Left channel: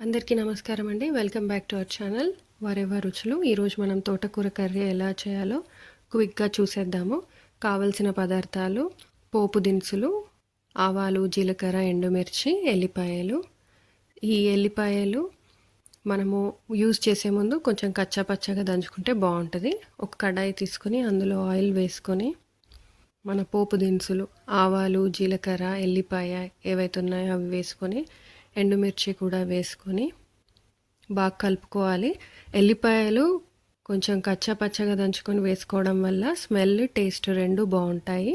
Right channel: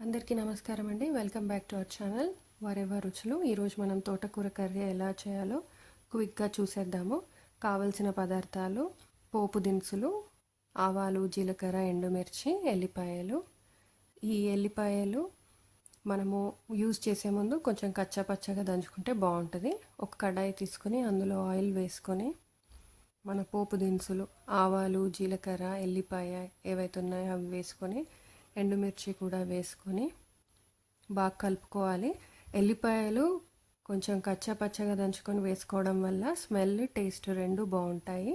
అందరికీ నమస్కారం అండి. Welcome back to our channel Vahrehvah Ruchulu. ఈరోజు మనం తోటకూర కర్రీ ఎలా చేయాలో క్విక్గా చూసేద్దాము. కావలసిన పదార్థాలు: పోపు దినుసులు, ఆవాలు, జీలకర్ర, ఎండుమిర్చి, ఎల్లిపాయలు. ఈ ఎల్లిపాయలు మనము యూజ్ చేసే ముందు కొంచెం కచ్చాపచ్చగా దంచుకుంటే బాగుంటుంది. ఒక కడాయి తీసుకొని అందులో ఆయిల్ వేసుకొని మన పోపు దినుసులు, ఆవాలు, జీలకర్ర, ఎల్లిపాయ ఏవైతే ఉన్నాయో అవి వేసుకొని, ఎండుమిర్చి కూడా వేసుకొని బాగా కలుపుకోవాలి. ఎల్లిపాయలు కొంచెం కచ్చాపచ్చగా దంచుకొని వేసుకోవడం వల్ల స్మెల్, టేస్ట్ రెండు బాగుంటాయి.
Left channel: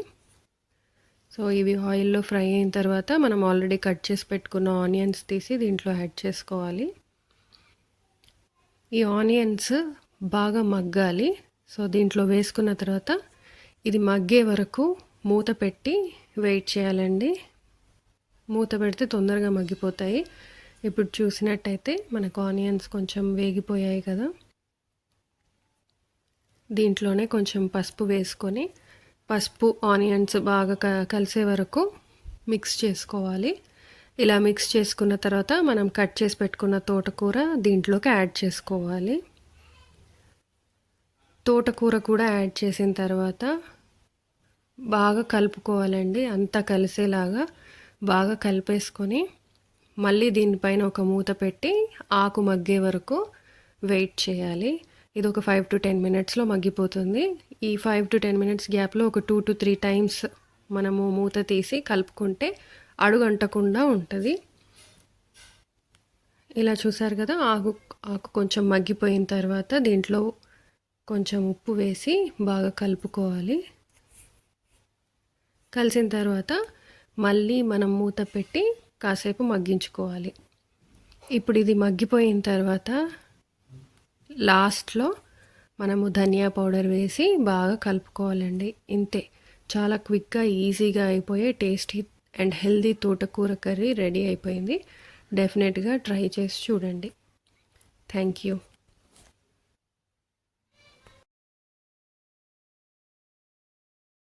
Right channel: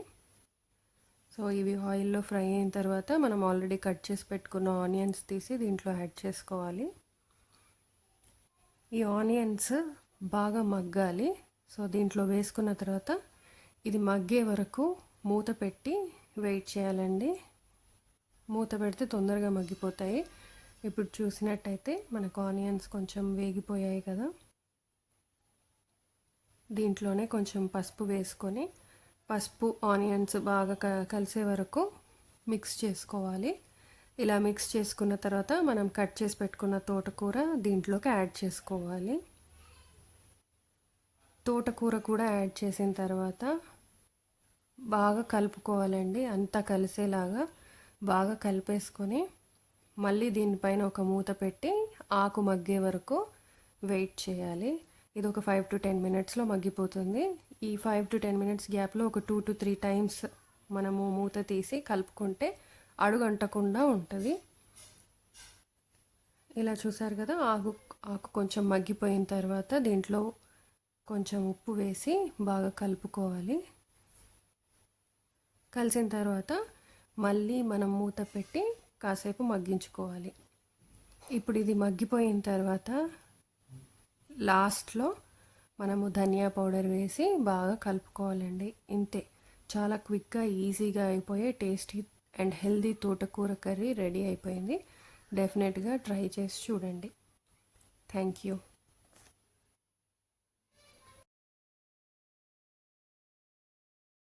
సో ఇవి ఆయిల్లో ఫ్రై అయిన తర్వాత మనం ఆల్రెడీ కట్ చేసి పెట్టుకున్న ఆనియన్స్ తీసి దీంట్లో యాడ్ చేసుకోవాలి. ఈ ఆనియన్స్ బాగా మగ్గాలి. సో దీంట్లో వేసుకున్న తర్వాత ఇది మగ్గే వరకు మూత పెట్టి వెయిట్ చేయాలండి. మూత పెడితే తొందరగా మగ్గిపోతాయి. ఇప్పుడు చూసినట్టయితే మనకు ఆనియన్స్ కొంచెం వేగిపోయాయి కదా. దీంట్లోనే కొంచెం పసుపు వేసుకొని పసుపు ఆనియన్స్ బాగా కలిసే వరకు మిక్స్ చేసుకోవాలి. ఇలా మిక్స్ చేసుకున్న తర్వాత మనం కట్ చేసి పెట్టుకున్న తోటకూర దీంట్లోకి యాడ్ చేసుకోవాలి. తోటకూర కూడా యాడ్ చేసిన తర్వాత బాగా కలుపుకోవాలండి. అంతా కలిసేలాగా బాగా కలిపేసుకొని మళ్ళీ దీనిపైన ఒక మూత పెట్టి ఆకు మగ్గే వరకు వెయిట్ చేయాలి. ఇది ఒక 5 to 10 మినిట్స్లో మగ్గిపోతుంది. ఈ 5 to 10 మినిట్స్ గ్యాప్లో ఒక 2 to 3 టైమ్స్ మనము మూత తీసి కలుపుకుంటే అడుగంటకుండా ఉంటుంది. ఇలా చూసారు కదా. ఆకు కొంచెం మగ్గిపోయిన తర్వాత దీంట్లో కొంచెం ఉప్పు వేసి బాగా కలుపుకోవాలి. కలిసిన తర్వాత మళ్ళీ మనం మూత పెట్టి కాసేపు మగ్గించుకోవాలి. ఇప్పుడు ఇది మగ్గిపోయిన తర్వాత లాస్ట్లో మనము ధనియా పౌడర్ వేసి బాగా కలుపుకోవాలండి. ఇంతే, చాలా క్విక్గా ఈజీగా అయిపోయే టేస్టీ అండ్ హెల్దీ తోటకూర కర్రీ రెడీ అయిపోయింది. డెఫినెట్గా ట్రై చేసి చూడండి. Thank you.